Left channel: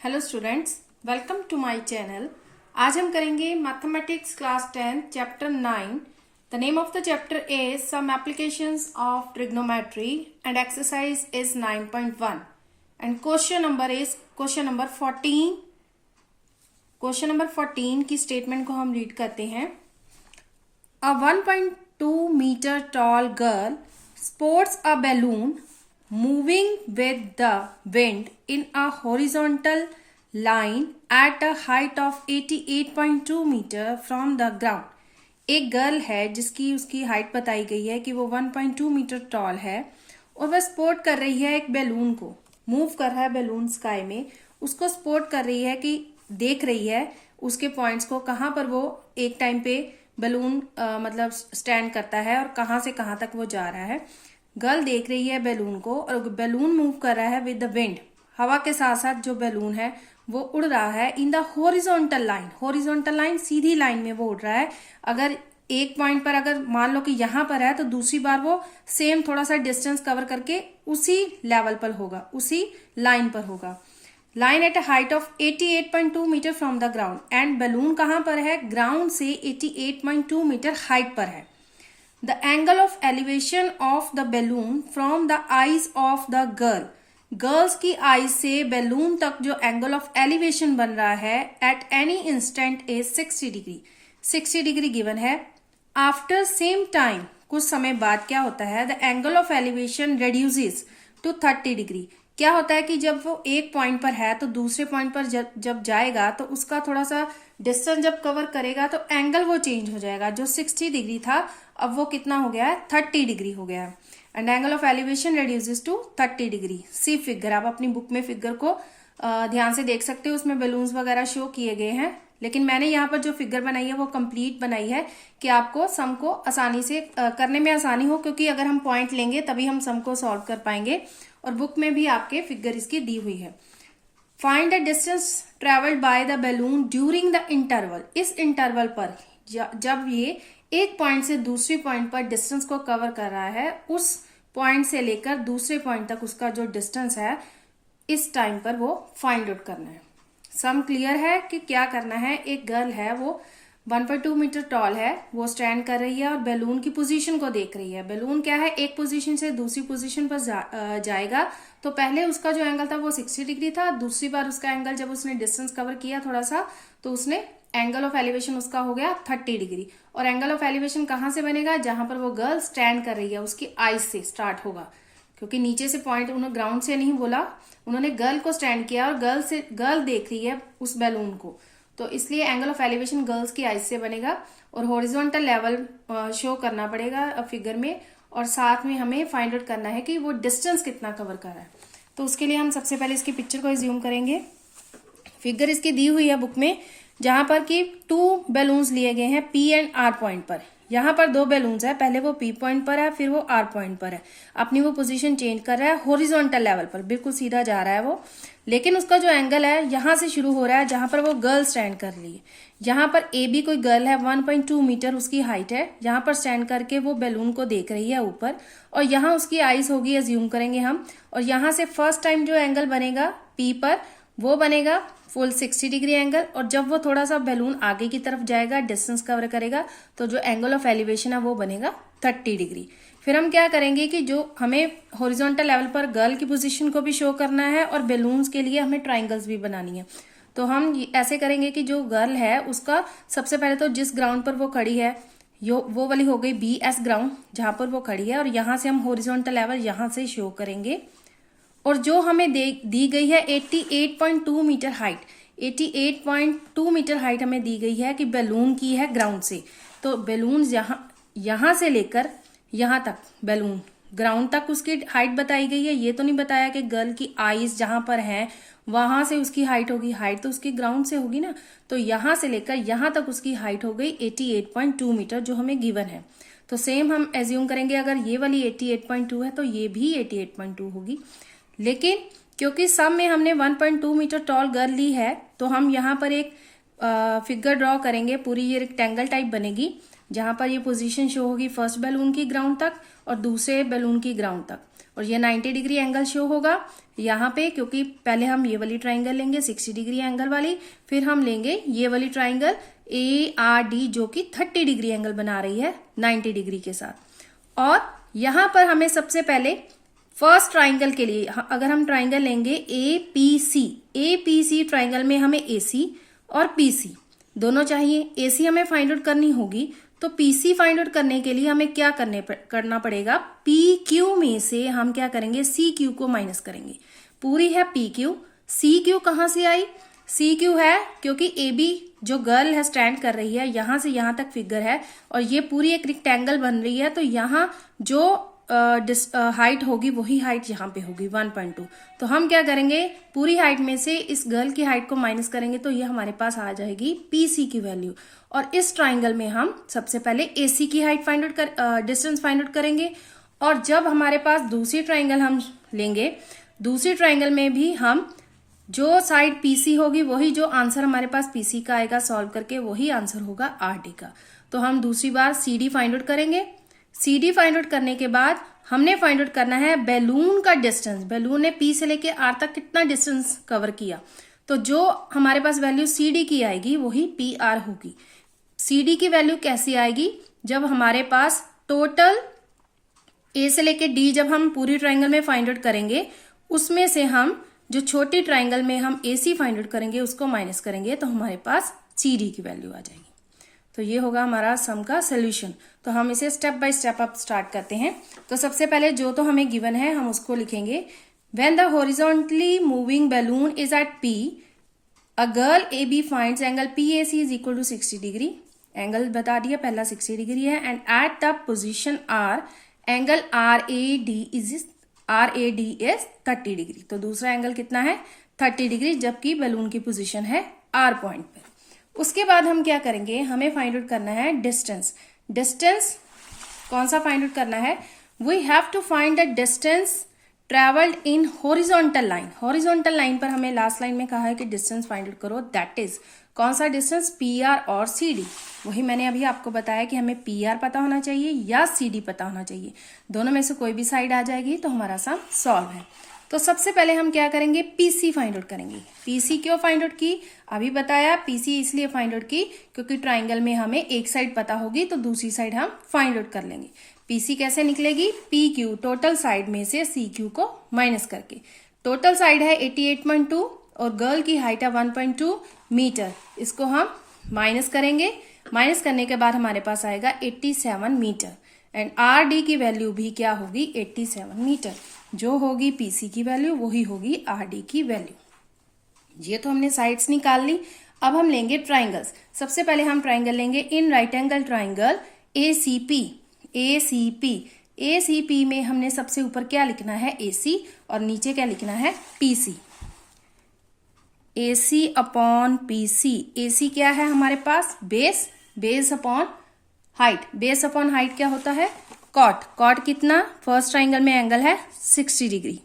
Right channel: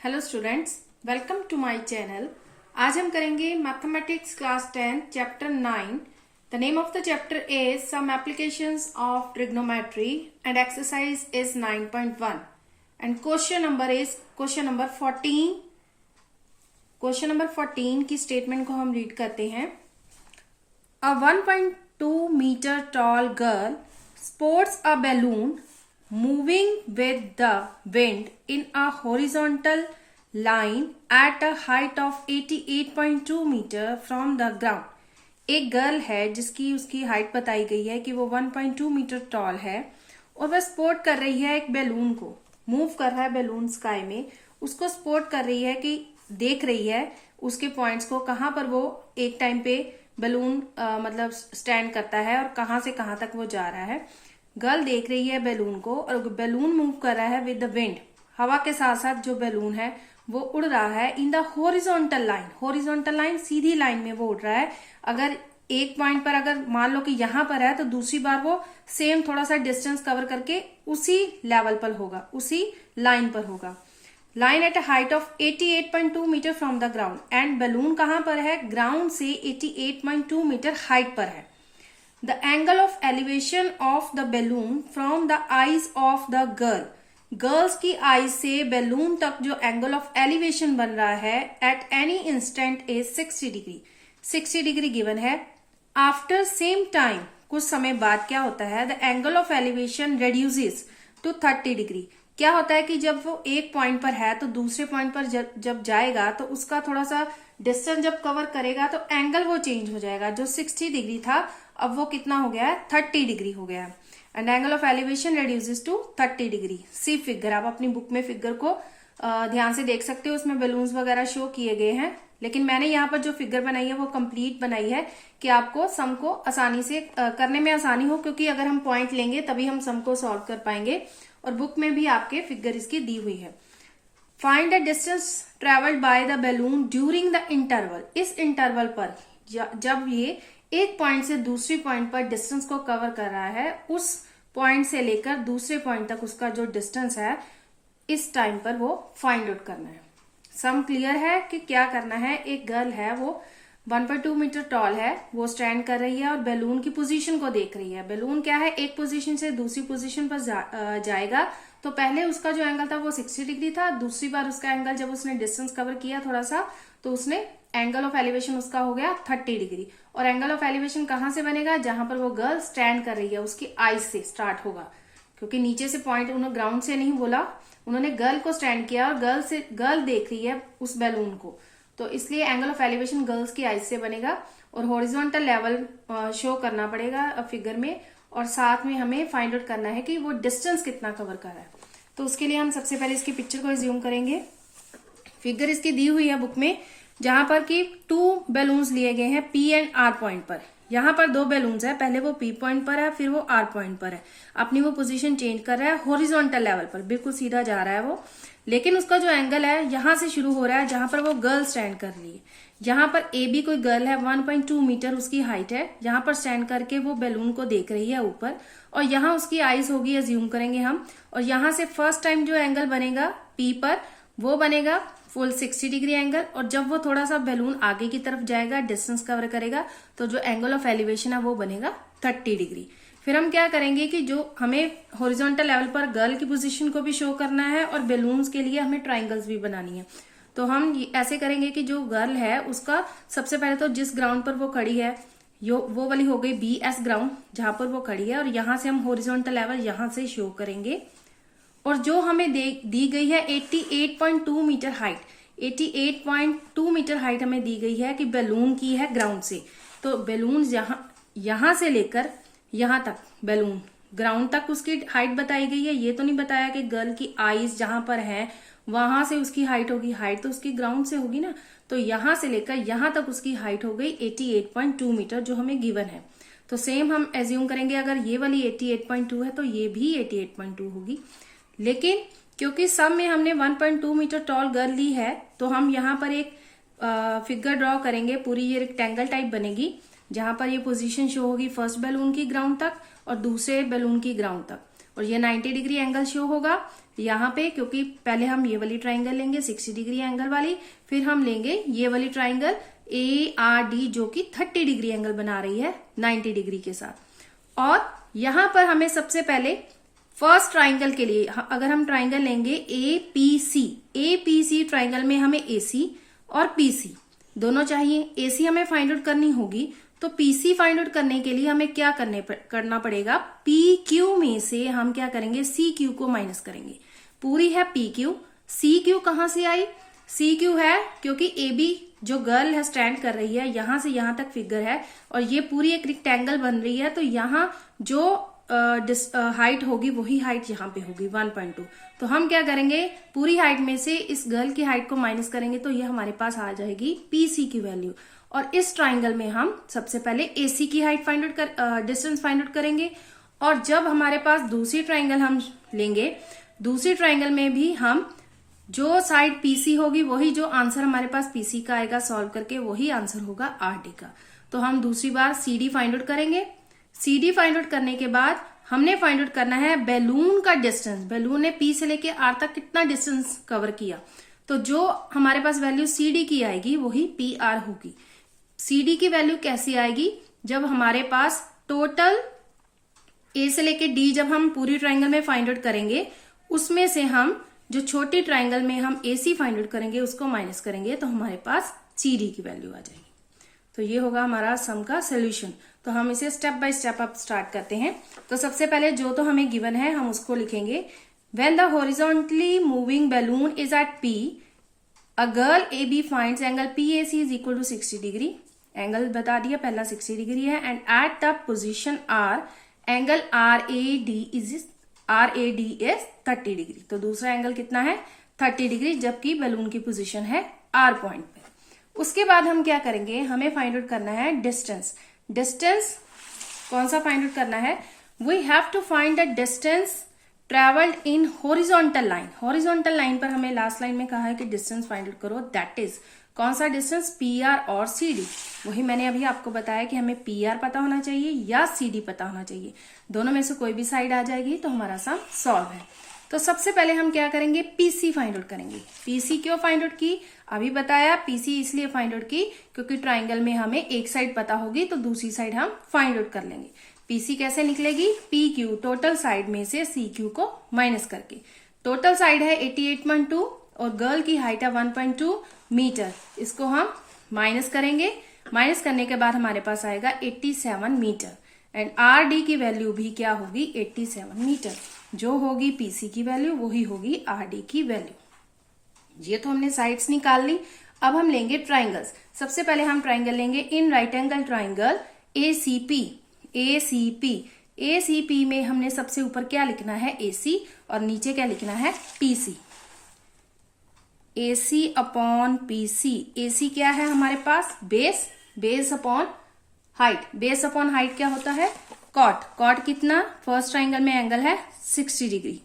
Hello students, welcome to my channel. आज हम करेंगे mathematics class 10 chapter 9। The name of the chapter is some applications of trigonometry and exercise is 9.1 and question number 14। Question number 14 की statement को हम read करते हैं। A 1.2 metre tall girl sports a balloon moving with the wind in a horizontal line at a height of 88.2 meter from the ground। एक girl है जिसकी उसकी height बताई गई है कि वो 1.2 मीटर टॉल है और वह स्पोर्ट कर रही है एक बैलून को। मूव कर रहा है बैलून स्काई में, उसको स्पोर्ट कर रही है कि देख रही है उसके पॉइंट्स को, कहाँ पर वो एक टाइम पे बैलून मतलब स्टैंड करता है और कहाँ से कहाँ तक वो जा रहा है। गर्ल देख रही है बैलून को और बैलून मूव कर रहा है विद द विंड। हवा के साथ साथ जो बैलून है वो उड़ रहा है in the horizontal line. Horizontal line Sidhi line में वो उड़ रहा है। अगर एक पॉइंट पर अगर मान लो कि यहां पर है तो दूसरी बार वो सेम थोड़ा सा डिस्टेंस कवर करके उसी लेवल पर होगा, उसी लाइन पर होगा। Line at a height of 88.2 metre from the ground and balloon कहां पर है? ग्राउंड से 88.2 मीटर हाइट पर है। The angle of elevation of the balloon from the eyes of the girl। Girls की आईज से बैलून तक जो एंगल ऑफ एलिवेशन बन रहा है at any instant is 60 degree. 60 degree given है। आफ्टर सेम टाइम, कुछ समय बाद क्या होता है? The angle of elevation reduces to 30 degree. क्या होता है कि जब वो एक पॉइंट पर है तो दूसरे पॉइंट पर जब जाएगा तो उसका थोड़ा सा डिस्टेंस जब कवर करेगा तो एंगल वो चेंज हो जाएगा। जो 60 डिग्री था अब वो कितना हो गया है? 30 डिग्री हो गया है। And angle of elevation reduces to 30 degree. See figure, आप अपनी बुक में फिगर को ध्यान से देख सकते हो, उसमें बलून्स वगैरह शो किए गए हैं, लेकिन मैंने यहाँ पर जो फिगर बनाई है वो कंप्लीट बनाई है कि आपको सम को आसानी से करने में आसानी हो, क्योंकि अगर हम पॉइंट लेंगे तभी हम सम को सॉल्व कर पाएंगे। और बुक में भी आपके फिगर इसकी दी हुई है। Find the distance travelled by the balloon during the interval. इस इंटरवल पर जब ये एक पॉइंट से दूसरी पॉइंट पर डिस्टेंस को कवर कर रहा है, उस पॉइंट से लेकर दूसरे पॉइंट तक उसका जो डिस्टेंस है इस टाइम पर वो फाइंड आउट करना है। सम क्लियर है कि क्या करना है? एक गर्ल है, वो 1.2 मीटर टॉल है, वो स्टैंड कर रही है और बैलून की पोजीशन को देख रही है। बैलून क्या है? एक पोजीशन से दूसरी पोजीशन पर जाएगा तो पहले उसका जो एंगल था वो 60 डिग्री था। दूसरी बार उसका एंगल जब उसने डिस्टेंस कवर किया थोड़ा सा तो उसने एंगल ऑफ एलिवेशन उसका हो गया 30 डिग्री। और एंगल ऑफ एलिवेशन कहां से बनेगा? जहां पर वो गर्ल स्टैंड कर रही है उसकी आईज से स्टार्ट होगा, क्योंकि नीचे से पॉइंट उन्होंने ग्राउंड से नहीं बोला, उन्होंने गर्ल को स्टैंड किया और गर्ल देख रही है उस बैलून को, तो इसलिए एंगल ऑफ एलिवेशन गर्ल्स की आईज से बनेगा। और हॉरिजॉन्टल लेवल शो करना पड़ेगा फिगर में, और साथ में हमें फाइंड आउट करना है कि वो डिस्टेंस कितना कवर कर रहा है। तो उसके लिए हम सबसे पहले इसकी पिक्चर को रिज्यूम करेंगे। फिगर इसकी दी हुई है बुक में, जहां पर कि 2 बैलून्स लिए गए हैं पी एंड आर पॉइंट पर। यहाँ पर 2 बैलून्स है, पहले वो पी पॉइंट पर है फिर वो आर पॉइंट पर है। अपनी वो पोजीशन चेंज कर रहा है हॉरिजॉन्टल लेवल पर, बिल्कुल सीधा जा रहा है वो, लेकिन उसका जो एंगल है यहां से शुरू हो रहा है जहां पर वो गर्ल स्टैंड कर रही है। यहाँ पर ए बी कोई गर्ल है, 1.2 मीटर उसकी हाइट है, यहाँ पर स्टैंड करके वो बैलून को देख रही है ऊपर, और यहाँ उसकी आईज होगी, एज्यूम करेंगे हम, और यहाँ से फर्स्ट टाइम जो एंगल बनेगा पी पर वो बनेगा फुल 60 डिग्री एंगल। और जब वो थोड़ा सा बैलून आगे की तरफ जाएगा, डिस्टेंस कवर करेगा, तो जो एंगल ऑफ एलिवेशन है वो बनेगा 30 डिग्री। फिर हम क्या करेंगे कि जो हमें हॉरिजॉन्टल लेवल पर गर्ल की पोजीशन को भी शो करना है और बैलून्स के लिए हमें ट्राइंगल्स भी बनानी है। तो हम ऐसे करेंगे कि जो गर्ल है उसका सबसे पहले तो जिस ग्राउंड पर वो खड़ी है वो वाली हो गई BS ग्राउंड जहां पर वो खड़ी है, और यहां से हम हॉरिजॉन्टल लेवल यहां से शो करेंगे। और जो हमें दी गई है 88.2 मीटर हाइट, 88.2 मीटर हाइट हमें दी गई है कि बैलून की है ग्राउंड से। तो बैलून यहां से लेकर यहां तक बैलून ग्राउंड तक उसकी हाइट बताई गई है। ये तो नहीं बताया कि गर्ल की आईज जहां पर है वहां से उसकी हाइट होगी, हाइट तो उसकी ग्राउंड से होगी ना। तो यहां से लेकर यहां तक उसकी हाइट हो गई 88.2 मीटर जो हमें गिवन है। तो सेम हम एज्यूम करेंगे, अगर ये वाली 88.2 है तो ये भी 88.2 होगी। लेकिन क्योंकि सब में हमने 1.2 मीटर टॉल गर्ल ली है तो हम यहाँ पर एक फिगर ड्रॉ करेंगे, पूरी ये रेक्टेंगल टाइप बनेगी, जहां पर ये पोजीशन शो होगी फर्स्ट बैलून की ग्राउंड तक और दूसरे बैलून की ग्राउंड तक। और ये 90 डिग्री एंगल शो होगा यहाँ पे, क्योंकि पहले हम ये वाली ट्राइंगल लेंगे 60 डिग्री एंगल वाली, फिर हम लेंगे ये वाली ट्राइंगल ARD जो कि 30 डिग्री एंगल बना रही है 90 डिग्री के साथ। और यहां पर हमें सबसे पहले फर्स्ट ट्राइंगल के लिए अगर हम ट्राइंगल लेंगे APC ट्राइंगल में हमें AC और PC दोनों चाहिए। AC हमें फाइंड आउट करनी होगी, तो PC फाइंड आउट करने के लिए हमें क्या करना पड़ेगा, PQ में से हम क्या करेंगे, CQ को माइनस करेंगे। पूरी है PQ, CQ कहां से आई, CQ है क्योंकि AB जो गर्ल है स्टैंड कर रही है यहां से यहां तक फिगर है और ये पूरी एक रेक्टेंगल बन रही है, तो यहां जो हाइट होगी वही हाइट यहाँ पे होगी 1.2। तो हम क्या करेंगे, पूरी हाइट में से इस गर्ल की हाइट को माइनस करेंगे तो ये हमारे पास आ जाएगी PC की वैल्यू। और इस ट्राइंगल में हम सबसे पहले AC की height find out distance find out करेंगे। और जब हमारे पास दूसरी ट्राइंगल हम लेंगे, दूसरी ट्राइंगल में भी हम जो साइड PC होगी वही जो आंसर हमारे पास PC का आएगा सॉल्व करके वही आंसर होगा RD का। तो हम दूसरी बार CD फाइंड आउट करेंगे। CD फाइंड आउट करने के बाद हमने फाइंड आउट करना है बैलून का डिस्टेंस। बैलून ने P से लेके R तक कितना डिस्टेंस कवर किया, तो जो हमारे पास वैल्यू CD की आएगी वही PR होगी। CD की वैल्यू कैसी आएगी, जब हमारे पास टोटल A से लेके D जब हम पूरी ट्राइंगल में फाइंड आउट करेंगे उसमें से हम जो छोटी ट्राइंगल में हम AC फाइंड आउट करेंगे उसको माइनस करेंगे तो हमारे पास CD की वैल्यू आ जाएगी। तो ये होगा हमारा सम का सोल्यूशन। तो हम इसे स्टेप बाय स्टेप अब स्टार्ट करते हैं। तो सबसे पहले जो तो हमें गिवन है हम उसको लिखेंगे। When the horizontally moving balloon is at P, a girl AB finds angle PAC is equal to 60 degree. Angle बता दिया, पहला 60 डिग्री है। And at the position R, angle RAD is 30 degree. तो दूसरा एंगल कितना है, 30 डिग्री, जबकि balloon की पोजीशन है R पॉइंट पर। उसके बाद हम क्या करेंगे, हमें फाइंड आउट करना है डिस्टेंस। डिस्टेंस कौन सा फाइंड आउट करना है, we have to find the distance travelled in horizontal line. Horizontal line पर हमें लास्ट लाइन में कहा है कि डिस्टेंस फाइंड आउट करो, दैट इज कौन सा डिस्टेंस, PR और CD। वही मैंने अभी आपको बताया कि हमें PR पता होना चाहिए या CD पता होना चाहिए, दोनों में से कोई भी साइड आ जाएगी तो हमारा सम सॉल्व है। तो सबसे पहले हम क्या करेंगे, PC फाइंड आउट करेंगे। PC क्यों फाइंड आउट की, अभी बताया। PC इसलिए फाइंड आउट की क्योंकि ट्राइंगल में हमें एक साइड पता होगी तो दूसरी साइड हम फाइंड आउट कर लेंगे। PC कैसे निकलेगी, PQ टोटल साइड में से CQ को माइनस करके। टोटल साइड है 88.2 और गर्ल की हाइट है 1.2 मीटर, इसको हम माइनस करेंगे। माइनस करने के बाद हमारे पास आएगा 87 मीटर। एंड RD की वैल्यू भी क्या होगी, 87 मीटर। जो होगी PC की वैल्यू वही होगी RD की वैल्यू। ये तो हमने साइड्स निकाल ली। अब हम लेंगे ट्राइंगल्स। सबसे पहले हम ट्राइंगल लेंगे in right angle triangle ACP में हमने सबसे ऊपर क्या लिखना है, AC, और नीचे क्या लिखना है, PC। AC upon PC। AC क्या है हमारे पास, base, base upon height. Base upon height क्या होता है, कॉट। कॉट कितना, फर्स्ट ट्राइंगल में एंगल है 60 डिग्री।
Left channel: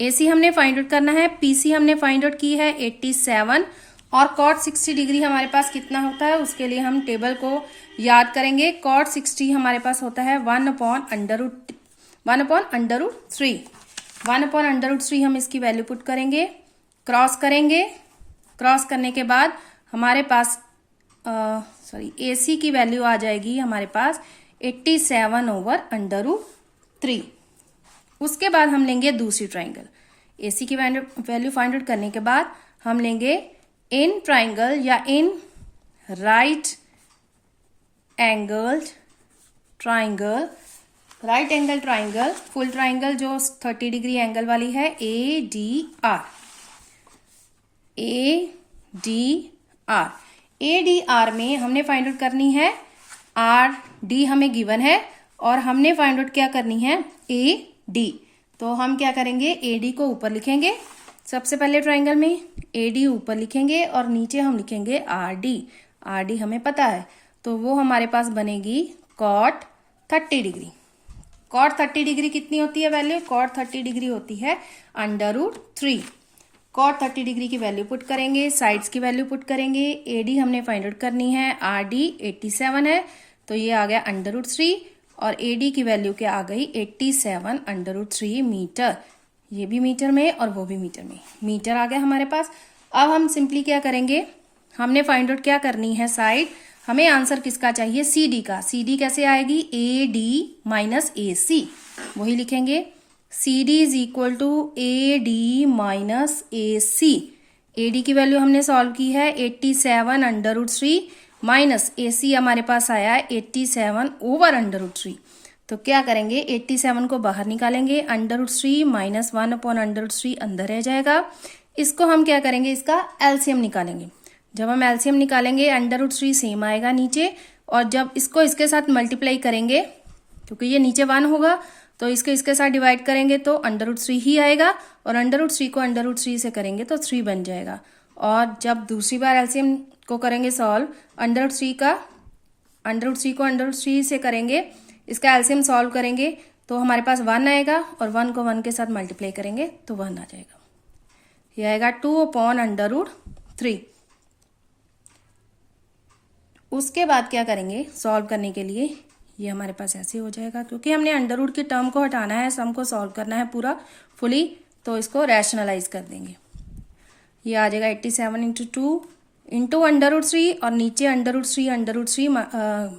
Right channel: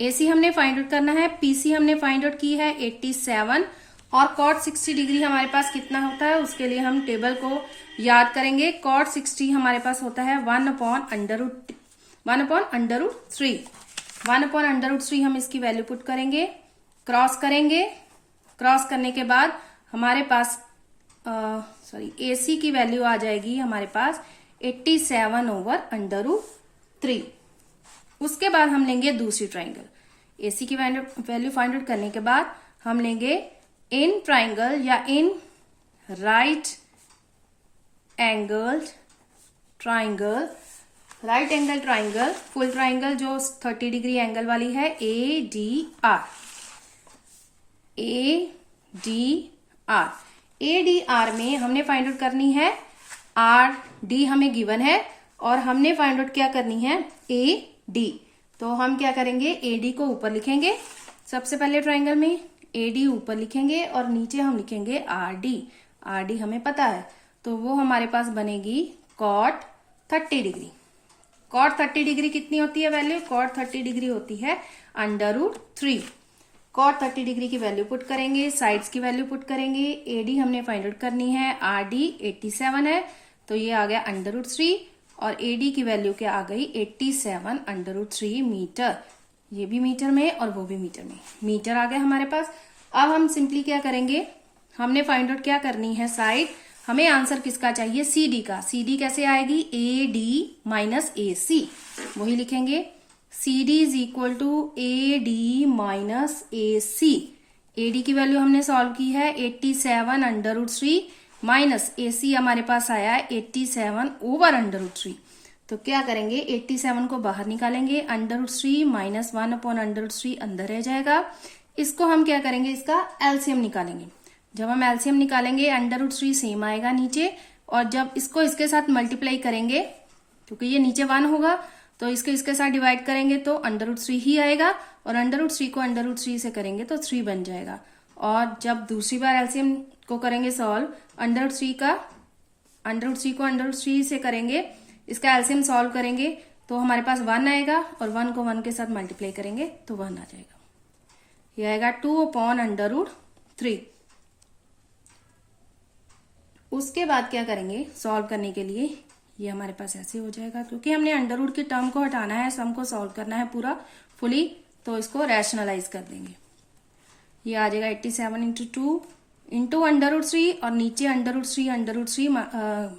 AC हमने फाइंड आउट करना है, PC हमने फाइंड आउट की है 87 और कॉट 60 डिग्री हमारे पास कितना होता है, उसके लिए हम टेबल को याद करेंगे। कॉट 60 हमारे पास होता है 1/√3। 1/√3 हम इसकी वैल्यू पुट करेंगे, क्रॉस करेंगे। क्रॉस करने के बाद हमारे पास AC की वैल्यू आ जाएगी हमारे पास 87/√3। उसके बाद हम लेंगे दूसरी ट्राइंगल। AC की वैल्यू फाइंड आउट करने के बाद हम लेंगे इन ट्राइंगल या in right angle triangle. Right angle triangle, full triangle जो 30 डिग्री एंगल वाली है, ADR में हमने फाइंड आउट करनी है RD, हमें गिवन है, और हमने फाइंड आउट क्या करनी है, AD। तो हम क्या करेंगे, AD को ऊपर लिखेंगे। सबसे पहले ट्राइंगल में AD ऊपर लिखेंगे और नीचे हम लिखेंगे RD हमें पता है, तो वो हमारे पास बनेगी cot 30 डिग्री। cot 30 डिग्री कितनी होती है वैल्यू, cot 30 डिग्री होती है √3। cot 30 डिग्री की वैल्यू पुट करेंगे, साइड्स की वैल्यू पुट करेंगे। AD हमने फाइंड आउट करनी है, RD 87 है, तो ये आ गया √3। और AD की वैल्यू क्या आ गई 87√3 मीटर। ये भी मीटर में और वो भी मीटर में, मीटर आ गया हमारे पास। अब हम सिंपली क्या करेंगे, हमने फाइंड आउट क्या करनी है साइड, हमें आंसर किसका चाहिए CD का। CD कैसे आएगी AD माइनस AC, वही लिखेंगे CD is equal to AD minus AC। AD की वैल्यू हमने सॉल्व की है 87√3 माइनस AC हमारे पास आया है 87/√3। तो क्या करेंगे 87 को बाहर निकालेंगे, √3 माइनस 1/√3 अंदर रह जाएगा। इसको हम क्या करेंगे, इसका एलसीएम निकालेंगे। जब हम एलसीएम निकालेंगे √3 सेम आएगा नीचे, और जब इसको इसके साथ मल्टीप्लाई करेंगे, क्योंकि ये नीचे 1 होगा तो इसको इसके साथ डिवाइड करेंगे तो √3 ही आएगा, और √3 को √3 से करेंगे तो 3 बन जाएगा। और जब दूसरी बार एलसीएम को करेंगे सॉल्व, √3 को √3 से करेंगे, इसका एलसीएम सॉल्व करेंगे तो हमारे पास 1 आएगा, और 1 को 1 के साथ मल्टीप्लाई करेंगे तो 1 आ जाएगा। यह आएगा 2/√3। उसके बाद क्या करेंगे सॉल्व करने के लिए, ये हमारे पास ऐसे हो जाएगा, क्योंकि हमने अंडर की टर्म को हटाना है, सम को सॉल्व करना है पूरा फुली, तो इसको रैशनलाइज कर देंगे। ये आ जाएगा 87 × 2 इंटू √3, और नीचे √3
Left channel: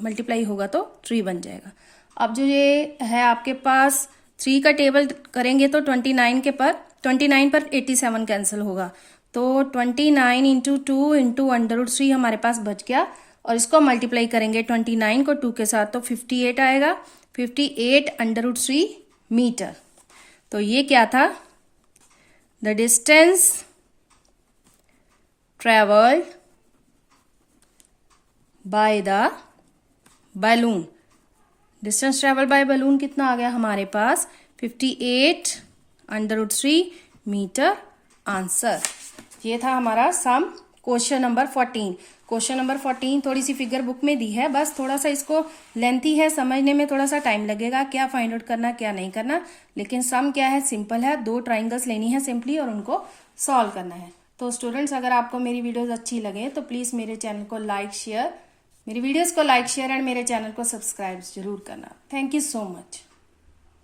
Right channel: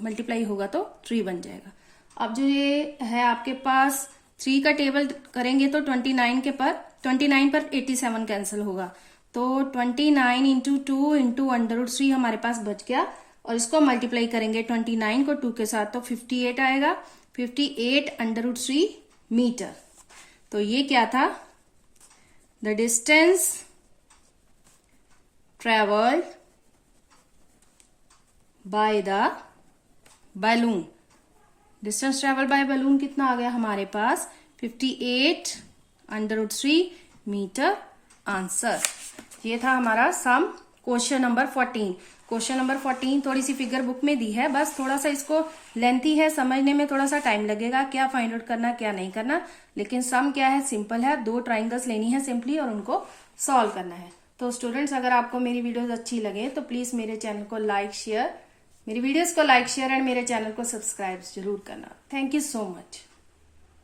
मल्टीप्लाई होगा तो 3 बन जाएगा। अब जो ये है आपके पास 3 का टेबल करेंगे तो 29 पर 87 कैंसिल होगा, तो 29 × 2 इंटू √3 हमारे पास बच गया, और इसको मल्टीप्लाई करेंगे 29 को 2 के साथ तो 58 आएगा, 58√3 मीटर। तो ये क्या था, the distance travelled by the balloon. Distance travel by balloon कितना आ गया हमारे पास 58√3 मीटर आंसर। ये था हमारा sum question number 14। Question number 14 थोड़ी सी फिगर बुक में दी है, बस थोड़ा सा इसको लेंथी है, समझने में थोड़ा सा टाइम लगेगा, क्या फाइंड आउट करना क्या नहीं करना, लेकिन सम क्या है सिंपल है, 2 ट्राइंगल्स लेनी है सिंपली और उनको सॉल्व करना है। तो स्टूडेंट्स अगर आपको मेरी वीडियोस अच्छी लगे तो प्लीज मेरे चैनल को लाइक शेयर, मेरी वीडियोस को लाइक शेयर एंड मेरे चैनल को सब्सक्राइब जरूर करना। Thank you so much.